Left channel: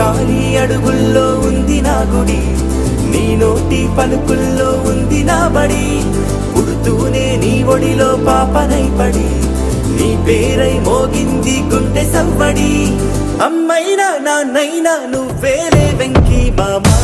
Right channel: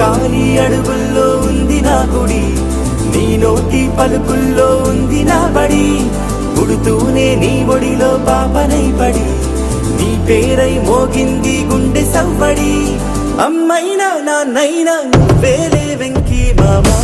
కారి అడుగుల్లో ఉంది నా గుడి, నీ నోటి పలుకుల్లో ఉంది నా బడి. పుడుతూనే నీ ఒడిలో పాపనై పడి, నీ పేరై మోగింది గుండె సవ్వడి. అమ్మైనా నాన్నైనా నువ్వేలే వెంకీ మామా.